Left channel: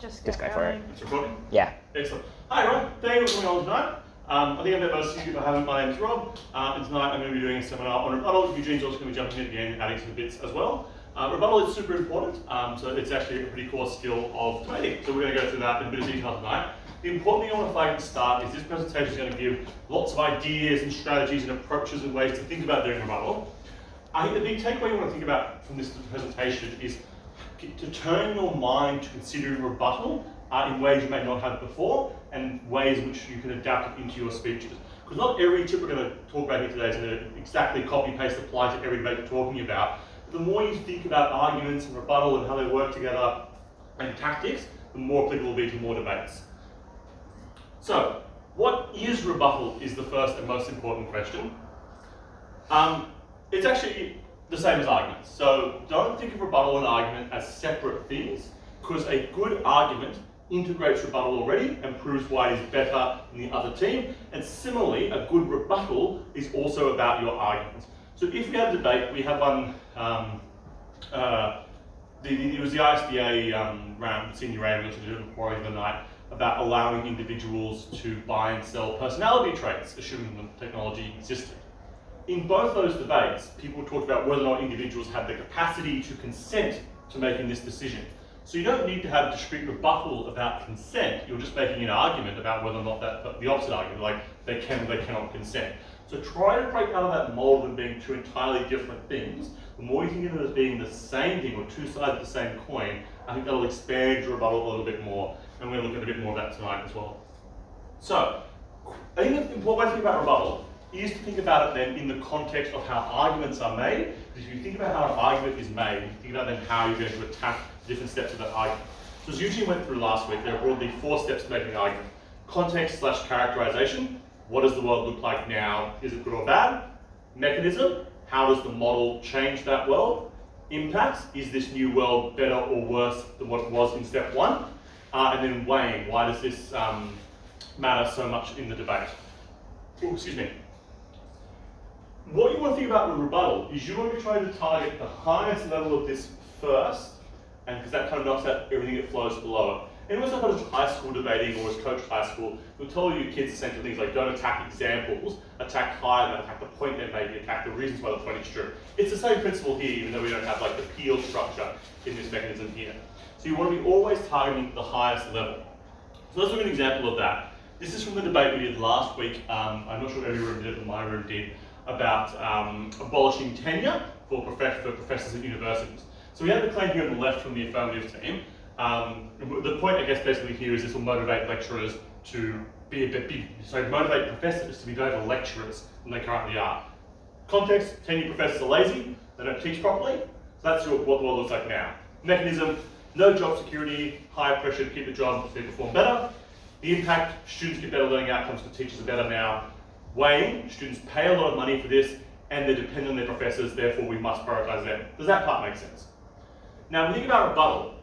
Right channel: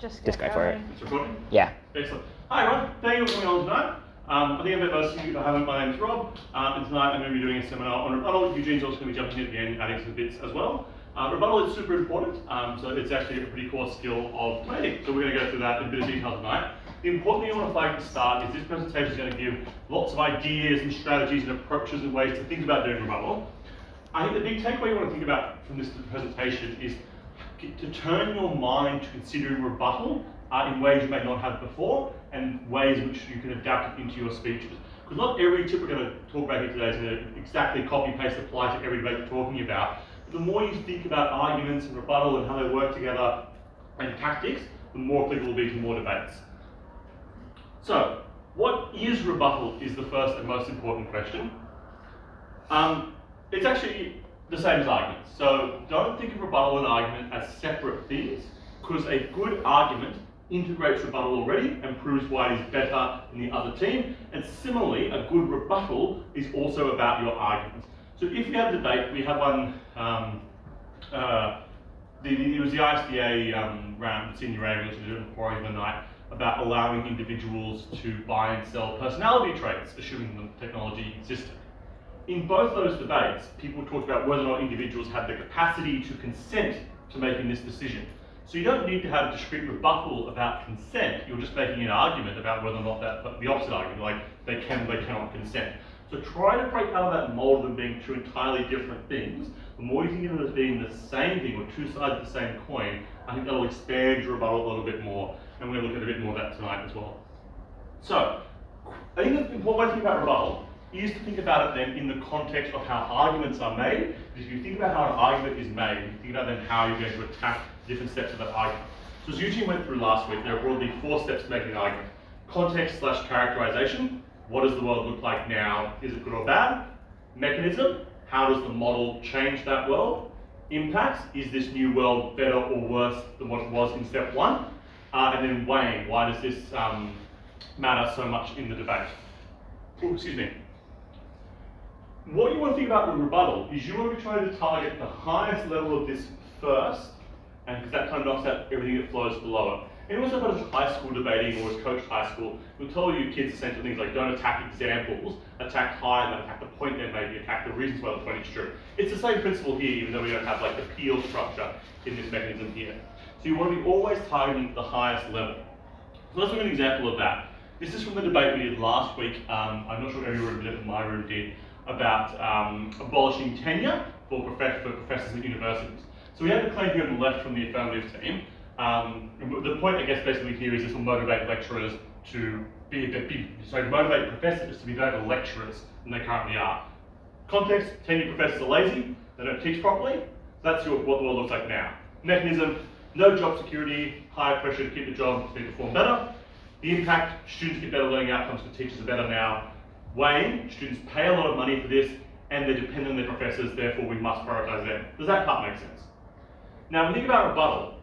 Just go for it. It's recording? Yeah. Excellent. Hi everyone, thank you for coming on tonight. I think I've met most of you, but I haven't. My name's Rob, and tonight I'm going to be doing a seminar on rebuttal. Eugene's also going to be jumping in again, adding some bits as well. Rebuttal is super important, so it's actually a pretty core skill of debating. So we're going to go through that in a bit of detail tonight. The important thing I want to flag at the start is this presentation is going to give lots of ideas and strategies and approaches and ways to think about doing rebuttal. I think the big takeaway you want to think about from this presentation is to turn your mind to considering rebuttal in ways you may not have before, and ways in which you can adapt it into your speeches. Because not every tip we're going to talk about here today is going to exactly copy and paste apply to every debate you're talking about. But the more you think about arguments and rebuttal and how they work together and tactics, the more applicable it will be to more debates. So, what is rebuttal is the first and most important question. It's actually the same as arguments. So don't think of rebuttal and argument as separate things, because a good argument integrates rebuttal already and proves why it is better than the other team. And similarly, a good rebuttal is also about your arguments. So if we have a debate, we have one, it was the ISDA round, senior rating, we also did it before the night, about allowing individuals to buy and sell personality traits, assuming the technology existed. In both those debates, people talked about whether or not individuals had the capacity to consent to making this decision. So you don't need to have a discrete rebuttal about consent. You're just making an argument about whether or not the opposite argument, like they can or they cannot consent. So try to break out of that mold of them being two entirely different things. The more you think of them as being the same thing or two sides of the same coin, I think that'll expand your rebuttal a little bit more. And we're going to look at a bit more of that tonight as well. So I think the important way to think about rebuttal is to think about it then in the context of how arguments are made. Because if you think about how an argument is made, you think about then how you're going to attack different steps of that argument. So as Eugene went through last week, there are broadly 4 steps to making an argument. Context/characterization. What does the world look like now? Is it good or bad? Mechanism. How does the model change that world? Impact. Is this new world better or worse than what it was in step 1? And then weighing. Why does this matter so much in the debate? Oh, excuse me. What you want to think about with rebuttal is you want to be trying to target the highest level of this first, and because that kind of knocks out everything that flows below it. Anyone who's ever high school debating or has coached high school will tell you kids essentially things like don't attack examples, attack high, and attack the point they're making, attack the reasons why the point is true. It's the same principle here, even though we don't have like the peel structure in this mechanism here. So you want to be always targeting the highest level. So let's look at an example of that. This is from the debate we did last week. I'm not sure if every room did it, but my room did, about abolishing tenure for professors at universities. So we have the claim here on the left from the affirmative team. The point, I guess, basically here is this will motivate lecturers to motivate professors to be better lecturers than they currently are. Context: tenured professors are lazy, they don't teach properly. So that's what the world looks like now. Mechanism: no job security, higher pressure to keep the job so they perform better. The impact: students get better learning outcomes because teachers are better now. Weighing: students pay a lot of money for this and they depend on their professors, therefore we must prioritize them. Does that part make sense? Now, when we think about rebuttal,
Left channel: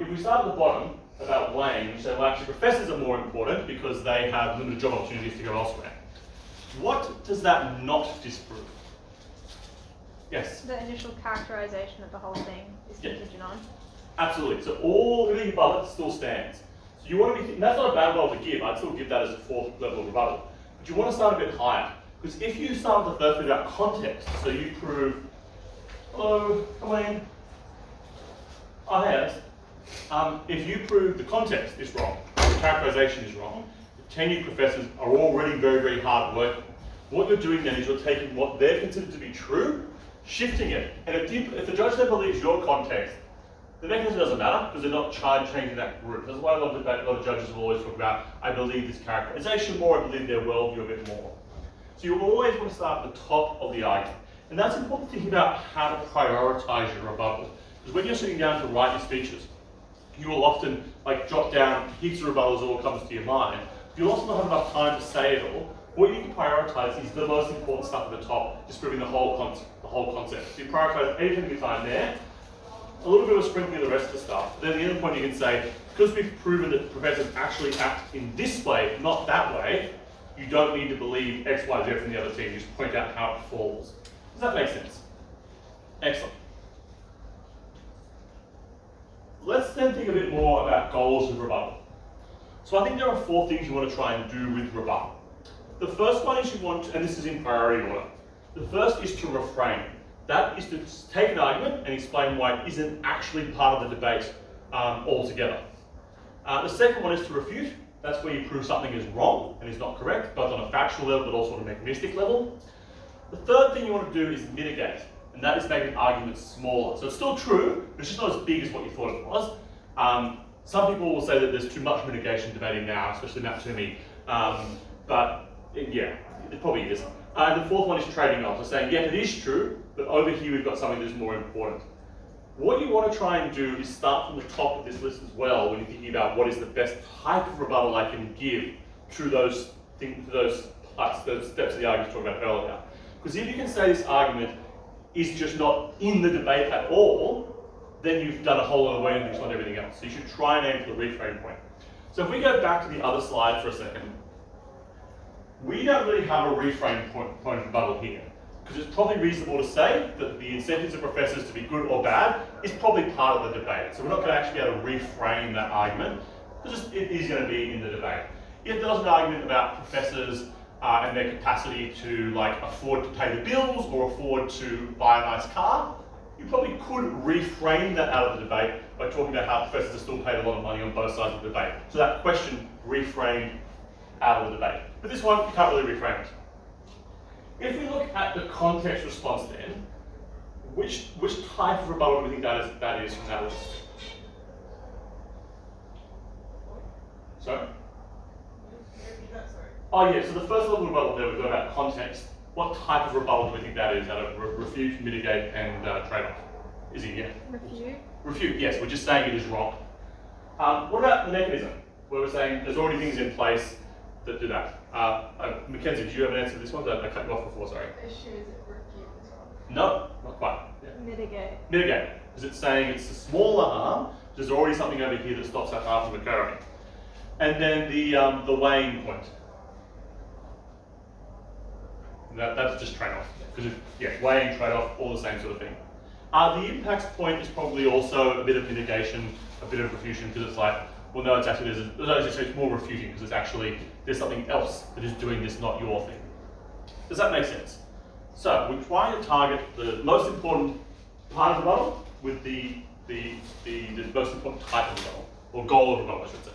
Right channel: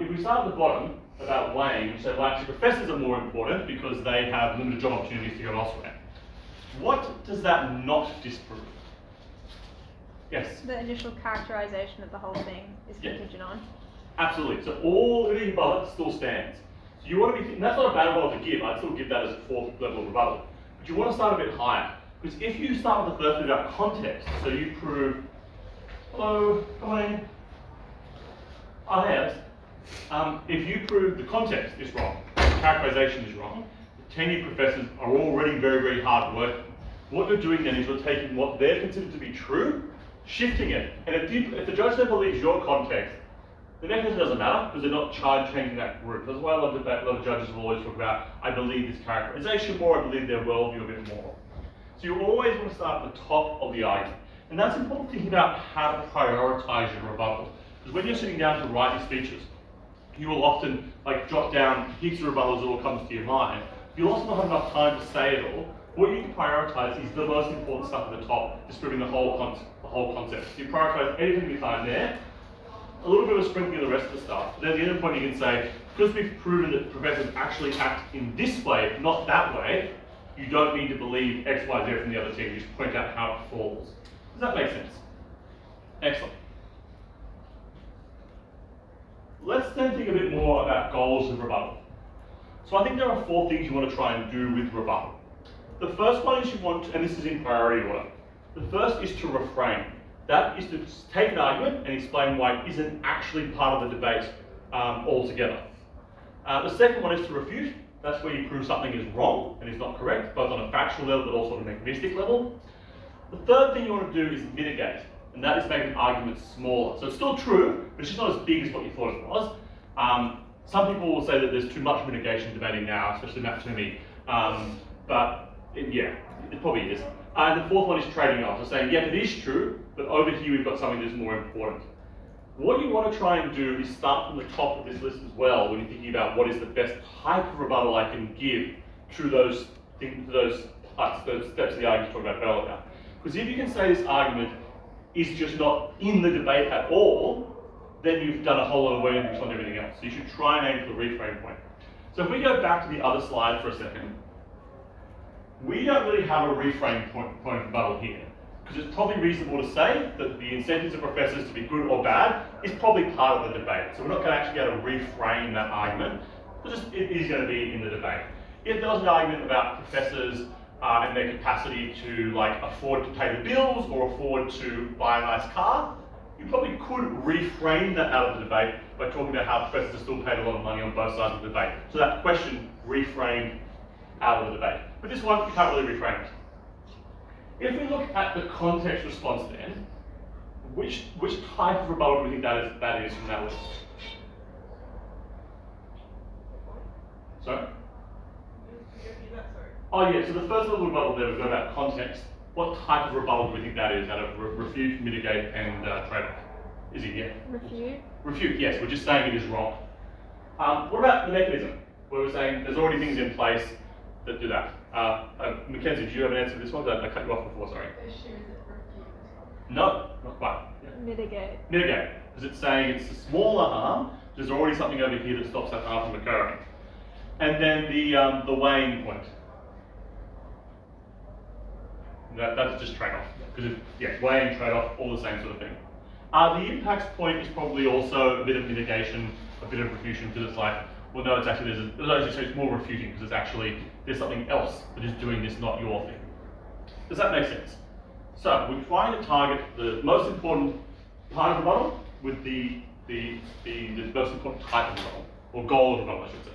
if we start at the bottom about weighing, we say, well, actually professors are more important because they have limited job opportunities to go elsewhere. What does that not disprove? Yes? The initial characterization of the whole thing is contingent on. Absolutely. So everything above it still stands. So you want to be, that's not a bad rebuttal to give. I'd still give that as a 4th level of rebuttal. But you want to start a bit higher. Because if you start with the first bit about context, so you prove, hello, come on in. Oh, yes. If you prove the context is wrong, the characterization is wrong, the tenured professors are already very, very hard working. What you're doing then is you're taking what they're considered to be true, shifting it. And if the judge then believes your context, the mechanism doesn't matter because they're not changing that group. That's why a lot of judges will always talk about, I believe this characterization more, I believe their worldview a bit more. So you always want to start at the top of the argument. And that's important thinking about how to prioritize your rebuttal. Because when you're sitting down to write your speeches, you will often jot down heaps of rebuttals that all comes to your mind. You'll also not have enough time to say it all. What you can prioritize is the most important stuff at the top, disproving the whole concept. So you prioritize anything at the time there, a little bit of a sprinkling of the rest of the stuff. But then at the end point you can say, because we've proven that professors actually act in this way, not that way, you don't need to believe X, Y, Z from the other team. You just point out how it falls. Does that make sense? Excellent. let's then think a bit more about goals of rebuttal. So I think there are 4 things you want to try and do with rebuttal. The first one is you want to, and this is in priority order. The first is to reframe. That is to take an argument and explain why it isn't actually part of the debate altogether. The second one is to refute. That's where you prove something is wrong and is not correct, both on a factual level but also on a mechanistic level. The third thing you want to do is mitigate, and that is make an argument smaller. So it's still true, but it's just not as big as what you thought it was. Some people will say that there's too much mitigation debating now, especially Matt Toomey, it probably is. And the fourth one is trading off, so saying, yeah, it is true, but over here we've got something that's more important. What you want to try and do is start from the top of this list as well when you're thinking about what is the best type of rebuttal I can give to those things, those steps of the argument we talked about earlier. Because if you can say this argument is just not in the debate at all, then you've done a whole lot of work on everything else. So you should try and aim for the reframe point. So if we go back to the other slide for a second, we don't really have a reframe point of rebuttal here, because it's probably reasonable to say that the incentives of professors to be good or bad is probably part of the debate. So we're not going to actually be able to reframe that argument, because it is going to be in the debate. If there was an argument about professors and their capacity to afford to pay the bills or afford to buy a nice car, you probably could reframe that out of the debate by talking about how professors are still paid a lot of money on both sides of the debate. So that question reframed out of the debate. But this one, you can't really reframe it. If we look at the context response then, which type of rebuttal do we think that is from that list? Sorry? Oh yeah, so the first level of rebuttal there, we've got about context. What type of rebuttal do we think that is out of refute, mitigate, and trade-off? Is it, yeah? Refute. Refute, yes, we're just saying it is wrong. What about the mechanism? Where we're saying there's already things in place that do that. Mackenzie, do you have an answer to this one? I cut you off before, sorry. No, not quite. Yeah. Mitigate. Mitigate, because it's saying it's a smaller harm, there's already something over here that stops that harm from occurring. And then the weighing point. That's just trade-off, because weighing, trade-off, all the same sort of thing. The impacts point is probably also a bit of mitigation, a bit of refutation, because it's like, well, no, it's actually it's more refuting, because it's actually there's something else that is doing this, not your thing. Does that make sense? So we're trying to target the most important part of the rebuttal with the most important type of rebuttal, or goal of rebuttal, I should say.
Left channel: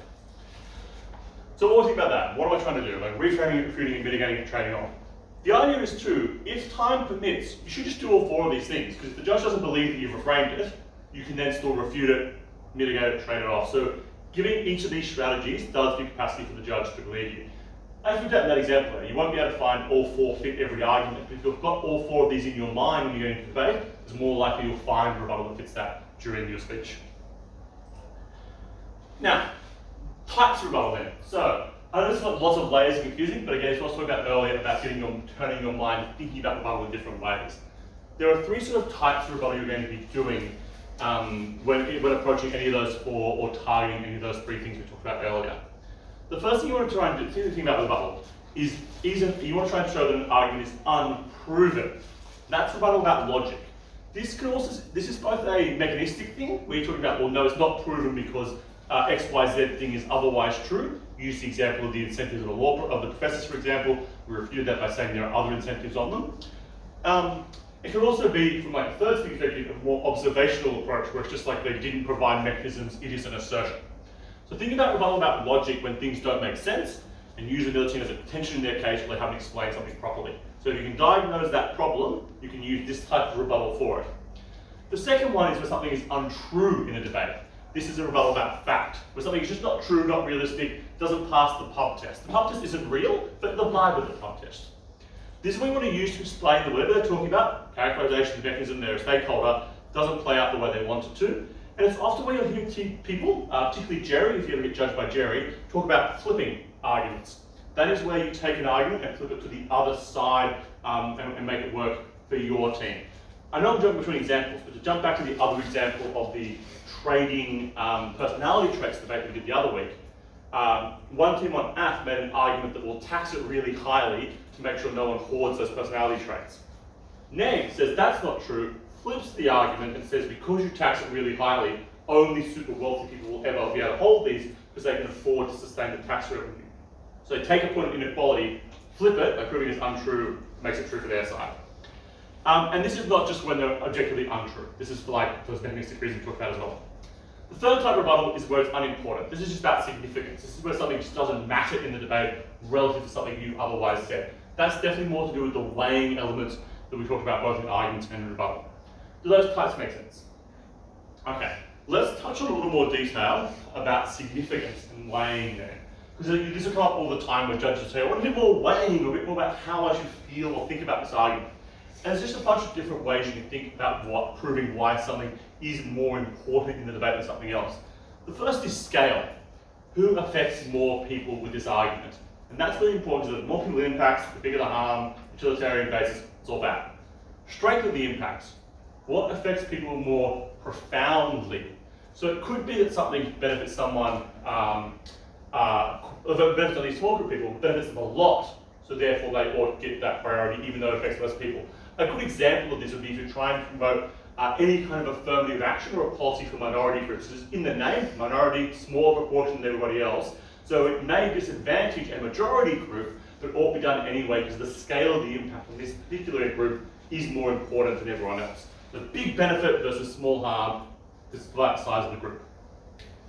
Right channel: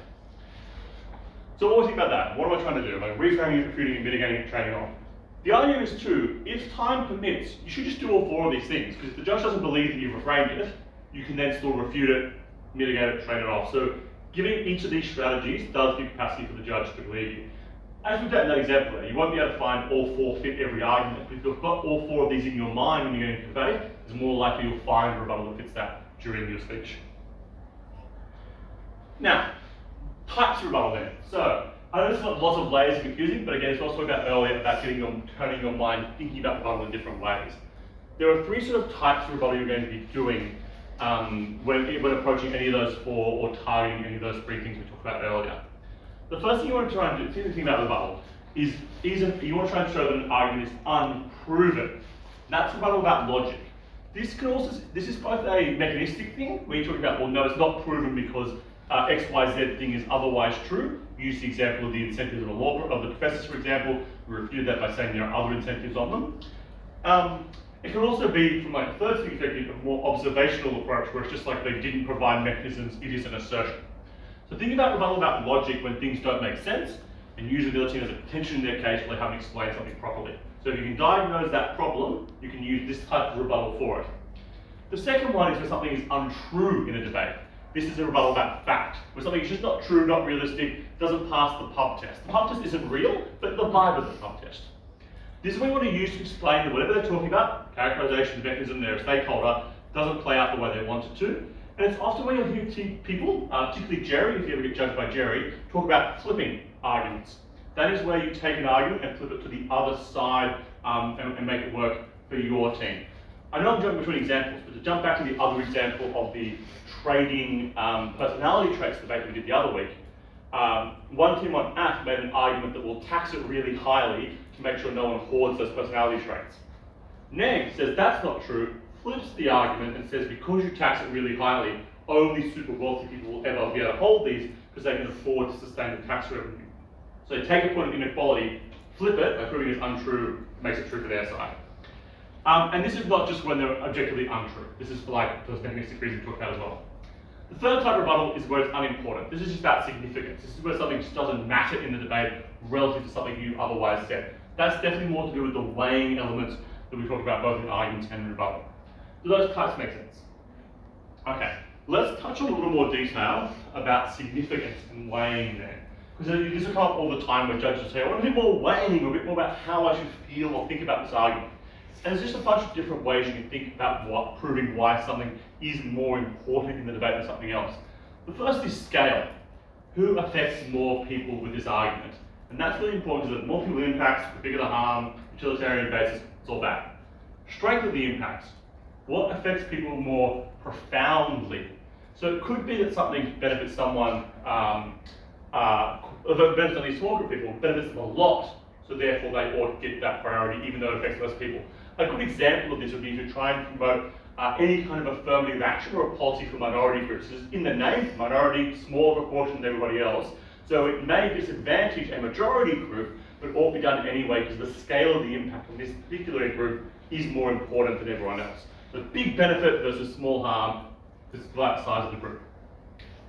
So what do we think about that? What am I trying to do? Like reframing it, refuting it, mitigating it, trading off. The idea is too, if time permits, you should just do all 4 of these things, because if the judge doesn't believe that you've reframed it, you can then still refute it, mitigate it, trade it off. So giving each of these strategies does give capacity for the judge to believe you. As we've done in that example, you won't be able to find all 4 fit every argument, but if you've got all 4 of these in your mind when you're going into debate, it's more likely you'll find a rebuttal that fits that during your speech. Now, types of rebuttal then. So, I know this got lots of layers and confusing, but again, it's what I was talking about earlier about turning your mind, thinking about rebuttal in different ways. There are 3 sort of types of rebuttal you're going to be doing when approaching any of those 4 or targeting any of those 3 things we talked about earlier. The first thing you want to try and do, think about rebuttal, is you want to try and show that an argument is unproven. That's rebuttal about logic. This is both a mechanistic thing, where you're talking about, well, no, it's not proven because X, Y, Z thing is otherwise true. Use the example of the incentives of the professors, for example. We refuted that by saying there are other incentives on them. It can also be, from a third thing perspective, a more observational approach, where it's just like they didn't provide mechanisms, it is an assertion. So think about rebuttal about logic when things don't make sense, and using the other team as a tension in their case where they haven't explained something properly. So if you can diagnose that problem, you can use this type of rebuttal for it. The second one is when something is untrue in a debate. This is a rebuttal about fact, where something is just not true, not realistic, doesn't pass the pub test. The pub test isn't real, but the vibe of the pub test. This is what you want to use to explain that whatever they're talking about, characterization, mechanism, they're a stakeholder, doesn't play out the way they want it to. And it's often when you'll hear people, particularly Jerry, if you ever get judged by Jerry, talk about flipping arguments. That is where you take an argument and flip it to the other side and make it work for your team. I know I'm jumping between examples, but to jump back to the other example of the trading personality traits debate we did the other week, one team on AF made an argument that will tax it really highly to make sure no one hoards those personality traits. Neg says that's not true, flips the argument and says because you tax it really highly, only super wealthy people will ever be able to hold these because they can afford to sustain the tax revenue. So they take a point of inequality, flip it by proving it's untrue, makes it true for their side. And this is not just when they're objectively untrue. This is for like those mechanistic reasons we talked about as well. The third type of rebuttal is where it's unimportant. This is just about significance. This is where something just doesn't matter in the debate relative to something you otherwise said. That's definitely more to do with the weighing elements that we talked about both in arguments and in rebuttal. Do those types make sense? Okay, let's touch on a little more detail about significance and weighing there. Because this will come up all the time where judges say, I want a bit more weighing, or a bit more about how I should feel or think about this argument. And there's just a bunch of different ways you can think about proving why something is more important in the debate than something else. The first is scale. Who affects more people with this argument? And that's really important because the more people it impacts, the bigger the harm, utilitarian basis, it's all bad. Strength of the impacts. What affects people more profoundly? So it could be that something benefits someone, benefits only a small group of people, benefits them a lot, so therefore they ought to get that priority even though it affects less people. A good example of this would be if you're trying to promote any kind of affirmative action or a policy for minority groups. Just in the name, minority, smaller proportion than everybody else. So it may disadvantage a majority group, but ought to be done anyway because the scale of the impact on this particular group is more important than everyone else. The big benefit versus small harm is the size of the group.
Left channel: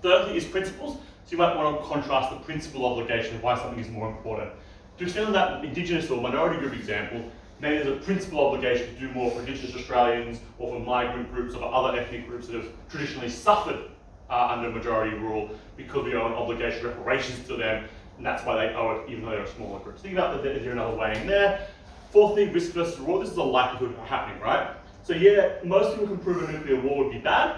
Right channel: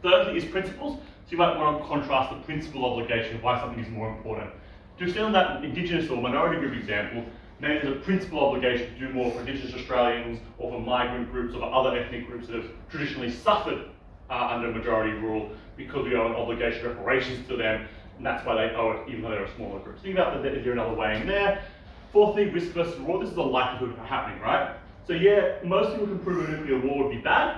Thirdly is principles. So you might want to contrast the principal obligation of why something is more important. To extend on that Indigenous or minority group example, maybe there's a principal obligation to do more for Indigenous Australians or for migrant groups or for other ethnic groups that have traditionally suffered under majority rule because we owe an obligation of reparations to them, and that's why they owe it even though they're a smaller group. So think about that, is there another way in there? Fourthly, risk versus reward. This is the likelihood of happening, right? So yeah, most people can prove a nuclear war would be bad.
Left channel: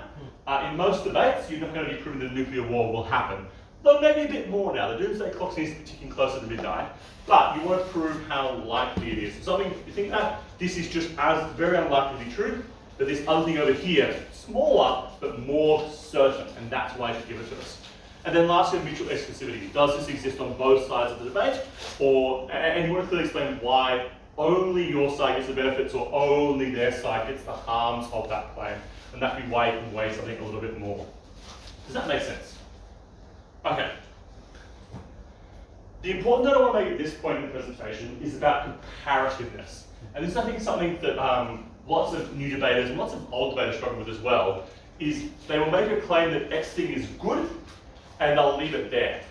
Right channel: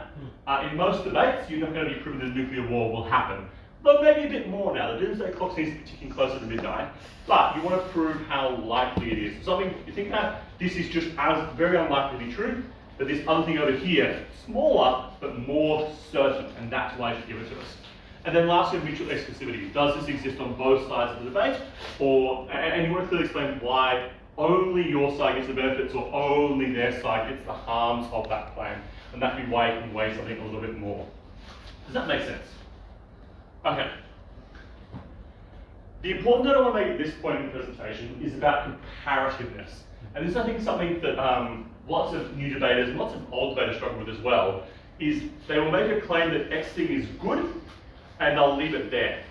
In most debates, you're not going to be proving that a nuclear war will happen. Though maybe a bit more now. The doomsday clock seems to be ticking closer to midnight. But you want to prove how likely it is. Something you think that this is just as very unlikely to be true, but this other thing over here, smaller but more certain, and that's why you should give it to us. And then lastly, mutual exclusivity. Does this exist on both sides of the debate? And you want to clearly explain why only your side gets the benefits or only their side gets the harms of that claim. And that would be why you can weigh something a little bit more. Does that make sense? Okay. The important note I want to make at this point in the presentation is about comparativeness. And this is, I think, something that lots of new debaters and lots of old debaters struggle with as well, is they will make a claim that X thing is good and they'll leave it there.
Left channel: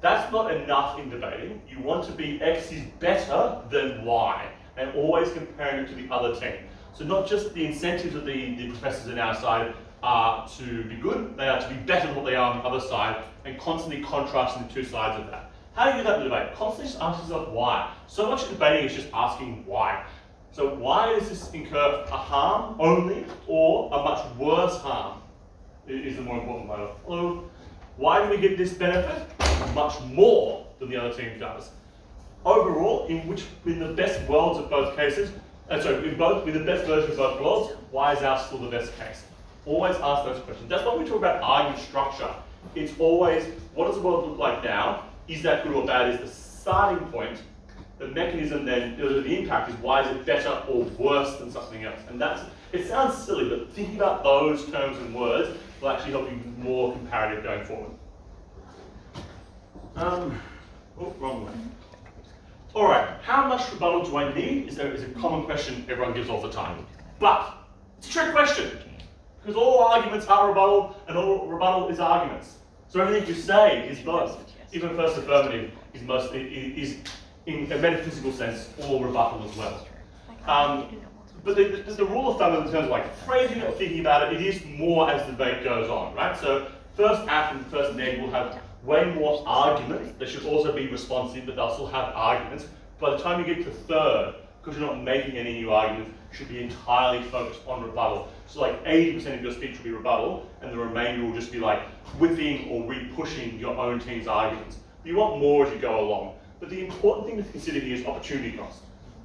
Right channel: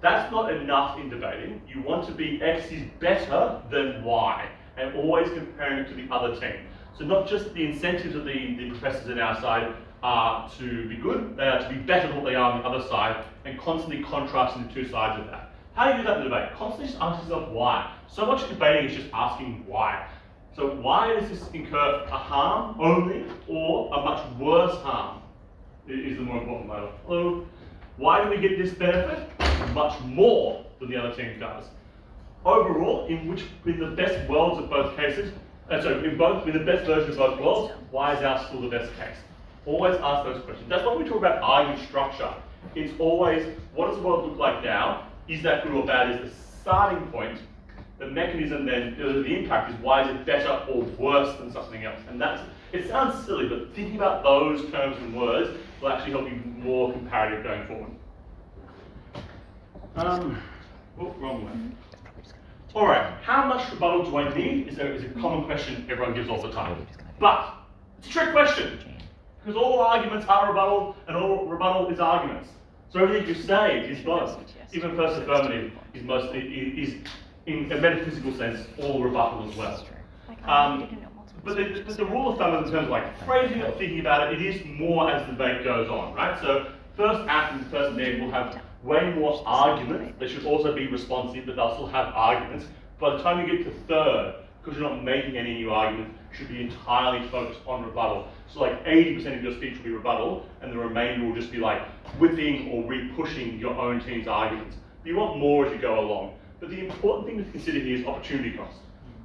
That's not enough in debating. You want to be X is better than Y, and always comparing it to the other team. So not just the incentives of the professors on our side are to be good, they are to be better than what they are on the other side, and constantly contrasting the two sides of that. How do you do that in the debate? Constantly just ask yourself why. So much of debating is just asking why. So why does this incur a harm only, or a much worse harm is the more important matter. Hello? Why do we get this benefit? Much more than the other team does. Overall, in the best worlds of both cases, in the best version of both worlds, why is ours still the best case? Always ask those questions. That's why we talk about argument structure. It's always, what does the world look like now? Is that good or bad is the starting point. The mechanism then, the impact is why is it better or worse than something else? And it sounds silly, but thinking about those terms and words will actually help you be more comparative going forward. Wrong way. All right, how much rebuttal do I need is a common question everyone gives all the time. But it's a trick question, because all arguments are rebuttal, and all rebuttal is arguments. So everything you say is both. Even first affirmative is in a metaphysical sense, all rebuttal as well. But the rule of thumb in terms of like phrasing it or thinking about it, it is more as the debate goes on, right? So first act and first neg will have way more arguments. They should also be responsive, but they'll still have arguments. By the time you get to third, because you're not making any new arguments, you should be entirely focused on rebuttal. So like 80% of your speech will be rebuttal, and the remainder will just be like whipping or re-pushing your own team's arguments. But you want more as you go along. But the important thing to consider here is opportunity cost.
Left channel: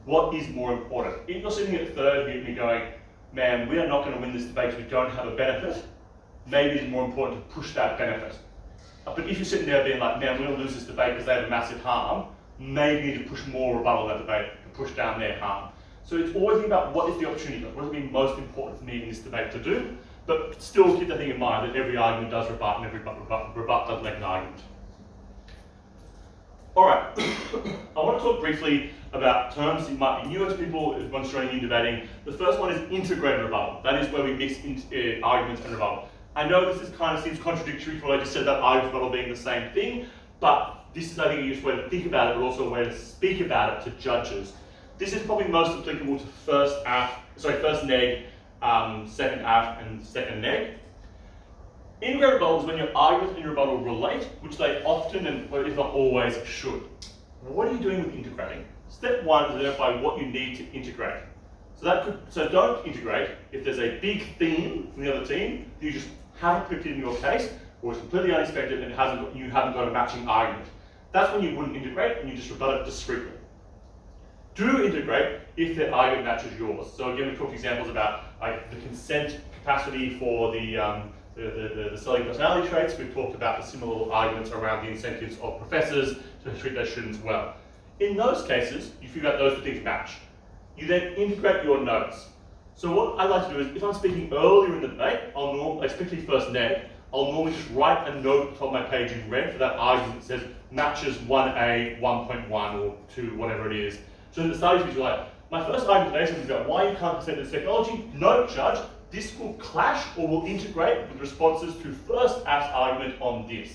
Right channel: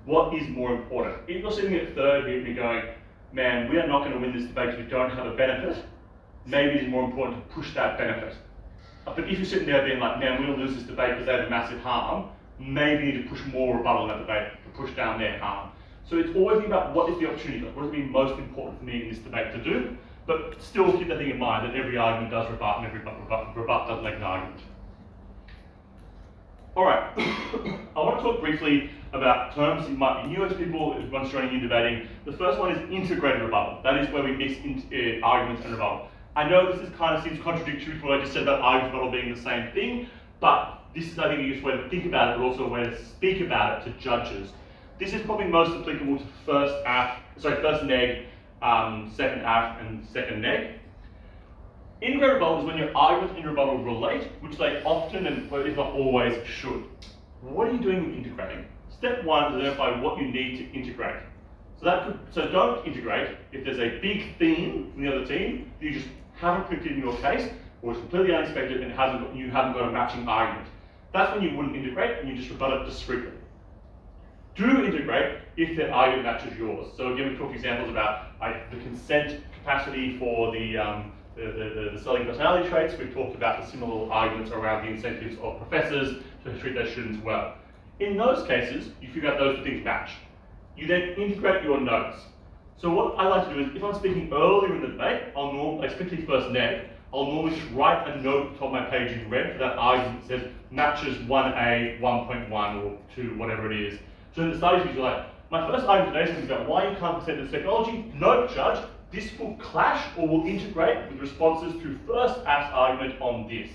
What is more important? If you're sitting at third and you're going, man, we are not going to win this debate because we don't have a benefit, maybe it's more important to push that benefit. But if you're sitting there being like, man, we're going to lose this debate because they have a massive harm, maybe you need to push more rebuttal in that debate to push down their harm. So it's always about what is the opportunity cost? What is going to be most important for me in this debate to do? But still keep that thing in mind that every argument does rebut and every rebut does make an argument. All right, I want to talk briefly about terms that might be newer to people once joining in debating. The first one is integrated rebuttal. That is where we mix arguments and rebuttal. I know this kind of seems contradictory to what I just said about argument and rebuttal being the same thing, but this is, I think, a useful way to think about it, but also a way to speak about it to judges. This is probably most applicable to first neg, second AF, and second neg. Integrated rebuttal is when your argument and rebuttal relate, which they often and if not always should. What are you doing with integrating? Step one is identify what you need to integrate. So don't integrate if there's a big theme from the other team that you just haven't predicted in your case, or it's completely unexpected and you haven't got a matching argument. That's when you wouldn't integrate and you just rebut it discreetly. Do integrate if their argument matches yours. So again, we talked examples about like the consent capacity for the selling personality traits. We've talked about the similar arguments around the incentives of professors to treat their students well. In those cases, you figure out those two things match. You then integrate your notes. So what I like to do is, if I'm speaking earlier in the debate, especially first neg, I'll normally just write a note at the top of my page in red for that argument that says matches 1A, 1.1, or 2, whatever it is. So in the studies, you're like, my first argument today is going to be about why you can't consent to this technology. Note, judge, this will clash or will integrate with responses to first asked argument on this.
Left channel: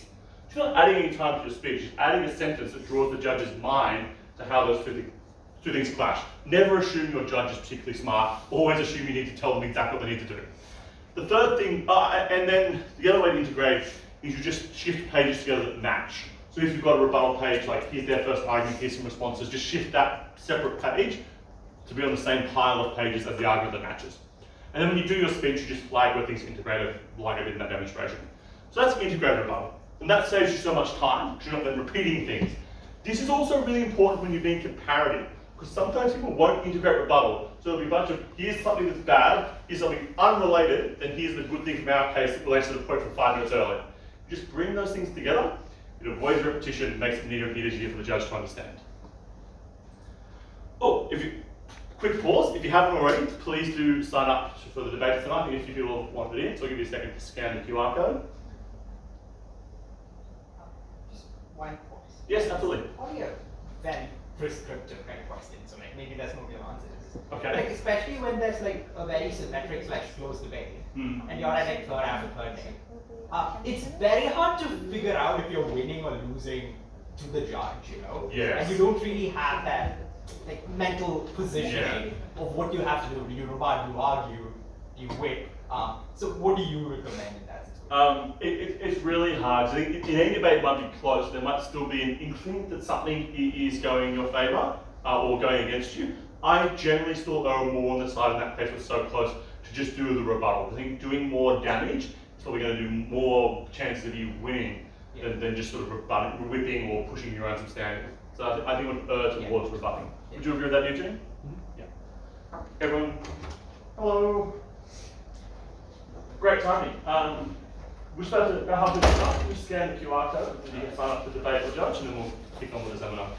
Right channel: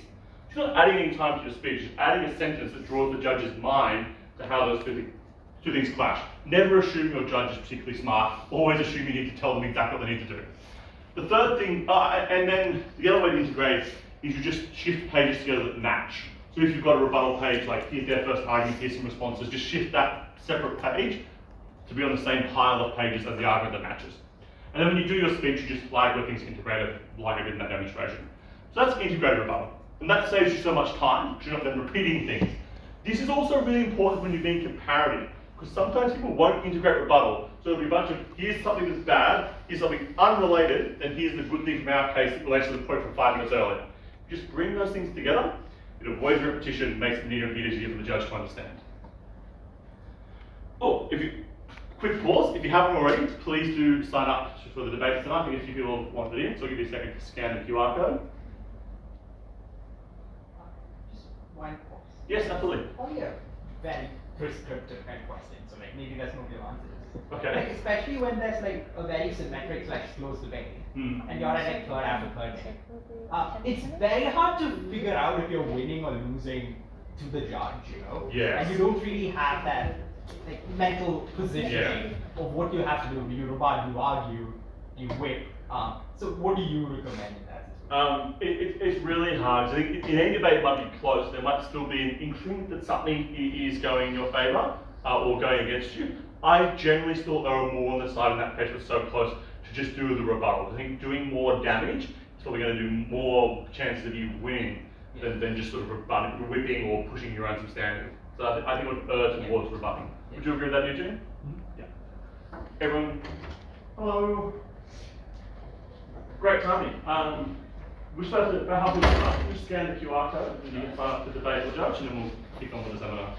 You're not adding any time to your speech, just adding a sentence that draws the judge's mind to how those two things clash. Never assume your judge is particularly smart. Always assume you need to tell them exactly what they need to do. The third thing, and then the other way to integrate is you just shift pages together that match. So if you've got a rebuttal page, like here's their first argument, here's some responses, just shift that separate page to be on the same pile of pages as the argument that matches. And then when you do your speech, you just flag where things are integrated, like I did in that demonstration. So that's integrated rebuttal. And that saves you so much time, because you're not then repeating things. This is also really important when you're being comparative, because sometimes people won't integrate rebuttal. So there'll be a bunch of, here's something that's bad, here's something unrelated, then here's the good thing from our case that relates to the point from 5 minutes earlier. Just bring those things together, it avoids repetition, makes it neater and easier for the judge to understand. Oh, quick pause, if you haven't already, please do sign up for the debate tonight. I think a few people wanted it in, so I'll give you a second to scan the QR code. Just one question. Yes, absolutely. Only a very prescriptive kind of question, so like maybe there's no clear answer to this. Okay. Like especially when there's like a very symmetric close debate, and you're at like third after third day. It's very hard to figure out if you're winning or losing to the judge, you know? Yes. And you don't really have that like mental positioning of what you have to do. Do you rebut, do you argue, do you win? So what do you recommend in that situation? It's really hard. So in any debate might be close, there might still be an inkling that something is going in your favour or going against you. I generally still err more on the side in that case was so close to just do the rebuttal. I think doing more damage is probably going to do more chances of you winning than just sort of whipping or pushing your own substandard. So I think it would err towards rebutting. Would you agree with that, Eugene? Yeah. Everyone, hello. Great timing. We're supposed to about halfway through the class. You scan the QR code and you can sign up to debate with the judge, and then we'll kick on with the seminar.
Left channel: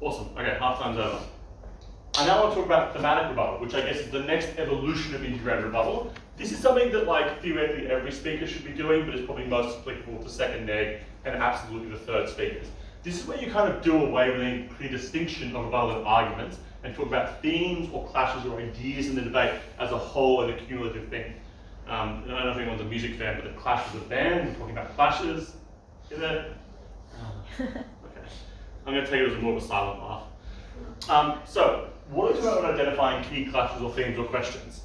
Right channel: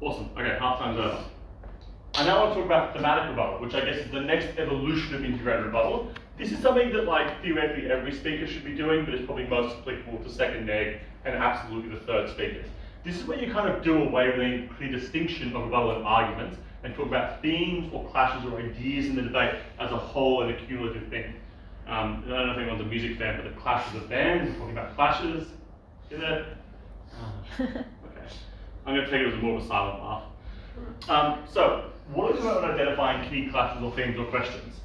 Awesome. Okay, half time's over. I now want to talk about thematic rebuttal, which I guess is the next evolution of integrated rebuttal. This is something that, like, theoretically every speaker should be doing, but it's probably most applicable to second neg and absolutely the third speakers. This is where you kind of do away with any clear distinction of rebuttal and arguments and talk about themes or clashes or ideas in the debate as a whole and a cumulative thing. I don't know if anyone's a music fan, but the Clash of the Band, we're talking about clashes. Is it? Okay. I'm going to take it as more of a silent laugh. So, what are we talking about when identifying key clashes or themes or questions?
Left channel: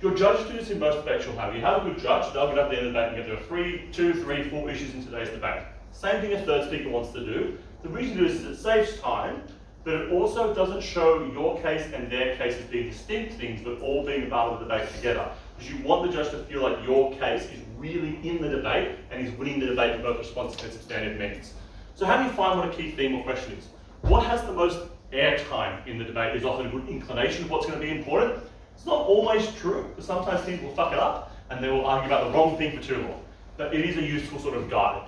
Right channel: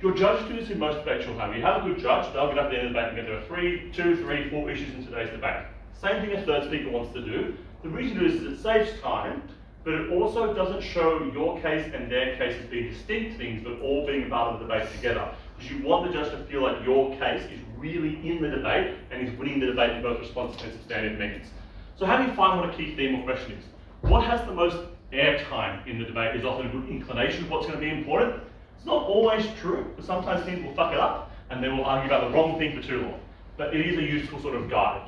Your judge do this in most debates you'll have. You have a good judge, they'll get up at the end of the debate and get there are 2, 3, 4 issues in today's debate. Same thing a third speaker wants to do. The reason to do this is it saves time, but it also doesn't show your case and their case as being distinct things, but all being part of the debate together. Because you want the judge to feel like your case is really in the debate and is winning the debate in both responsive and substantive means. So how do you find what a key theme or question is? What has the most airtime in the debate is often a good inclination of what's going to be important. It's not always true, because sometimes things will fuck it up, and they will argue about the wrong thing for too long. But it is a useful sort of guide.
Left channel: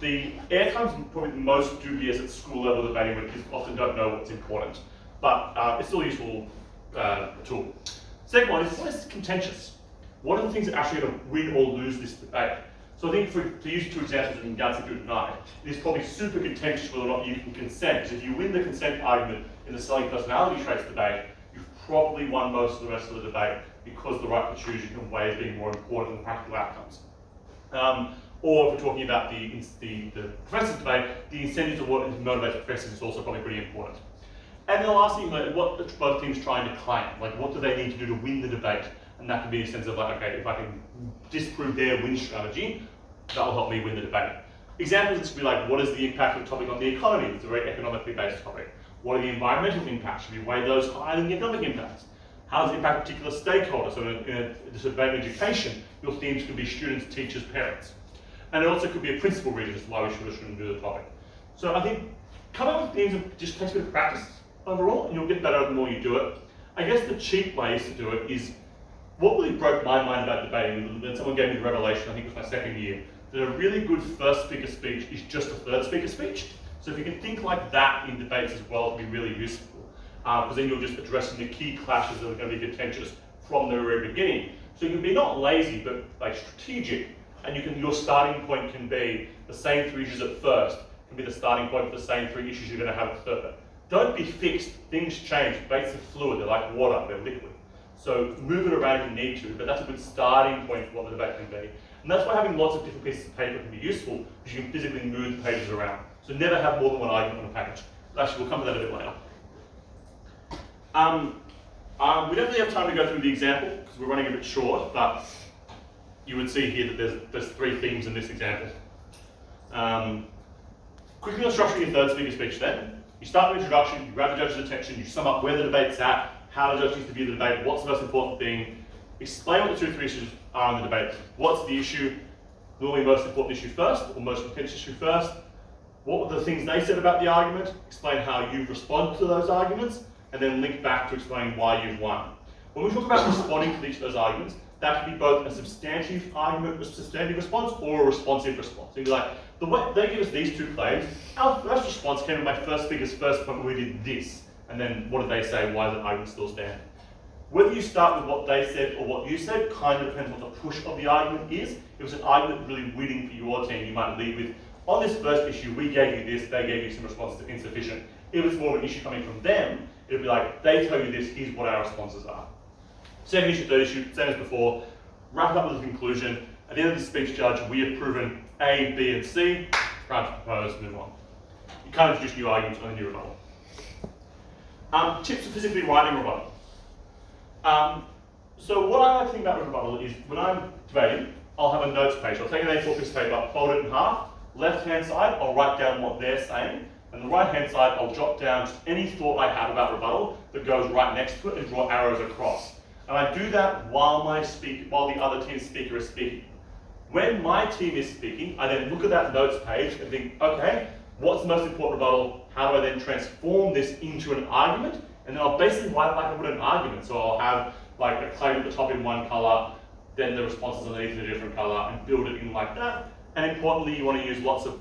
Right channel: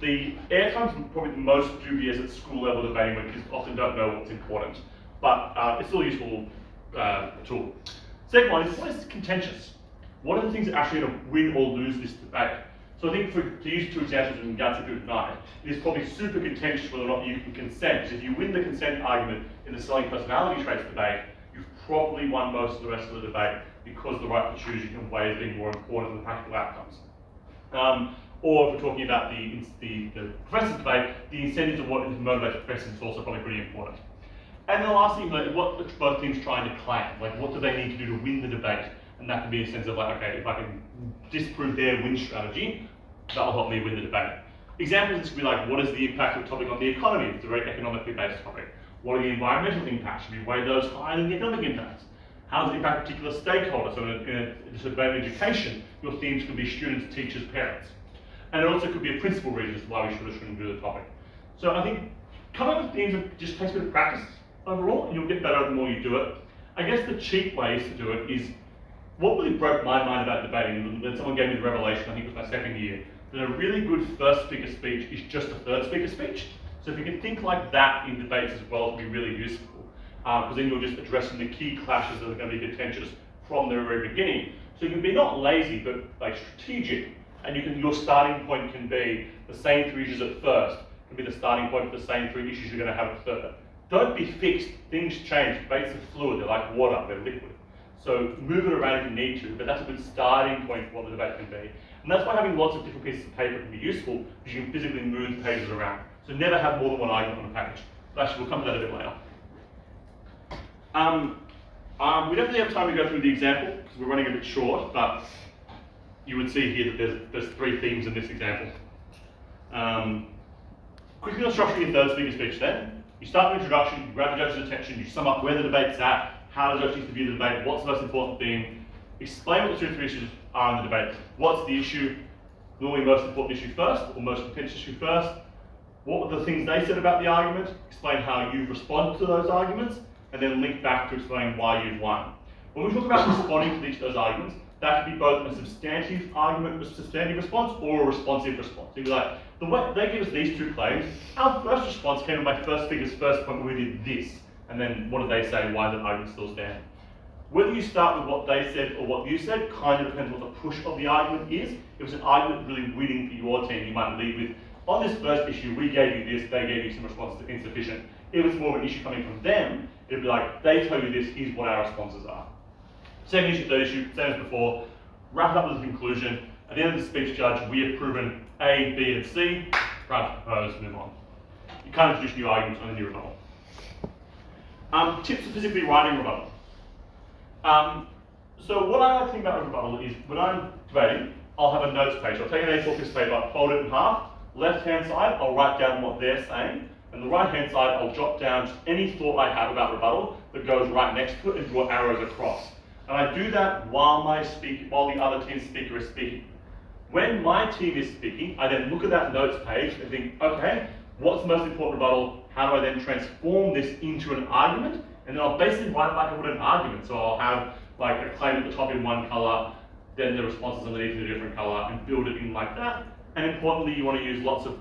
The airtime's probably the most dubious at school level debating when kids often don't know what's important, but it's still a useful tool. Second one is, what is contentious? What are the things that actually are going to win or lose this debate? So I think to use two examples in WUDC tonight, it is probably super contentious whether or not you can consent, because if you win the consent argument in the selling personality traits debate, you've probably won most of the rest of the debate because the right to choose you can weigh as being more important than the practical outcomes. Or if we're talking about the professors debate, the incentives of what motivates professors is also probably pretty important. And then the last thing, like, what are both teams trying to claim? Like, what do they need to do to win the debate? And that can be a sense of like, okay, if I can disprove their win strategy, that will help me win the debate. Examples, this could be like, what is the impact of the topic on the economy? It's a very economically based topic. What are the environmental impacts? Should we weigh those higher than the economic impacts? How does it impact particular stakeholders? So in a debate in education, your themes could be students, teachers, parents. And it also could be a principal reason as to why we should or shouldn't do the topic. So I think coming up with themes just takes a bit of practice overall, and you'll get better the more you do it. I guess the cheap ways to do it is, what really broke my mind about debating, when someone gave me the revelation, I think it was my second year, that a really good first speaker speech is just a third speaker speech. So if you can think like that in debates as well, it'll be really useful. Because then you're just addressing the key clashes that are going to be contentious from the very beginning. So you can be not lazy, but like strategic. And your starting point can be the same three issues at first, can be the starting point for the same three issues you're going to have at third. Don't be fixed, things change, debates are fluid, they're like water, they're liquid. So move it around if you need to, but that's a good starting point for what the debate can be. And that's why having lots of different pieces of paper can be useful, because you can physically move the pages around. So never have more than one argument on a page. Actually, we'll come to that a bit later. We don't really have time to go through the example, because we're running a bit short, but you would see here that there's three themes in this example. Quickly on structuring your third speaker speech then. You start with introduction, you grab the judge's attention, you sum up where the debate's at, how the judge needs to view the debate, what's the most important thing, explain what the two or three issues are in the debate. What's the issue, normally most important issue first, or most contentious issue first. What were the things they said about the argument, explain how you respond to those arguments, and then link back to explain why you've won. When we talk about responding to each of those arguments, that can be both a substantive argument, a substantive response, or a responsive response. So you'd be like, the way they give us these two claims, our first response came in my first speaker's first point where we did this. And then what did they say? Why does the argument still stand? Whether you start with what they said or what you said kind of depends on what the push of the argument is. If it was an argument really winning for your team, you might lead with, on this first issue, we gave you this, they gave you some responses that are insufficient. If it's more of an issue coming from them, it'd be like, they tell you this, here's what our responses are. Second issue, third issue, same as before, wrap it up with a conclusion. At the end of the speech, judge, we have proven A, B, and C, proud to propose, move on. You can't introduce new arguments on a new rebuttal. Tips for physically writing rebuttal. So what I like to think about with rebuttal is when I'm debating, I'll have a notes page. I'll take an A4 piece of paper, fold it in half. Left-hand side, I'll write down what they're saying. And the right-hand side, I'll jot down just any thought I have about rebuttal that goes right next to it and draw arrows across. And I do that while the other team's speaker is speaking. When my team is speaking, I then look at that notes page and think, okay, what's the most important rebuttal? How do I then transform this into an argument? And then I'll basically write it like I would an argument. So I'll have like a claim at the top in one color, then the responses underneath in a different color, and build it in like that. And importantly, you want to use lots of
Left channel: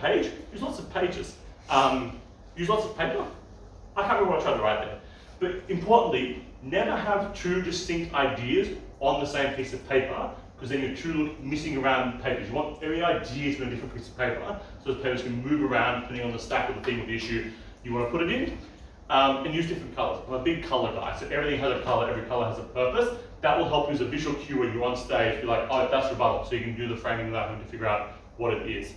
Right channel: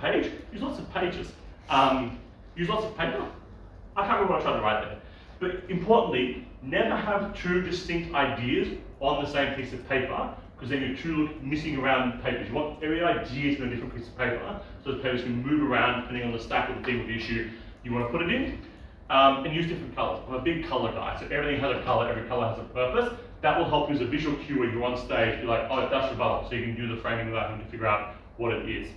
pages. Use lots of paper. I can't remember what I tried to write there. But importantly, never have two distinct ideas on the same piece of paper, because then you're two missing around papers. You want every idea to be on a different piece of paper, so the papers can move around depending on the stack of the theme of the issue you want to put it in. And use different colors. I'm a big color guy, so everything has a color, every color has a purpose. That will help you as a visual cue when you're on stage, be like, oh, that's rebuttal, so you can do the framing of that one to figure out what it is.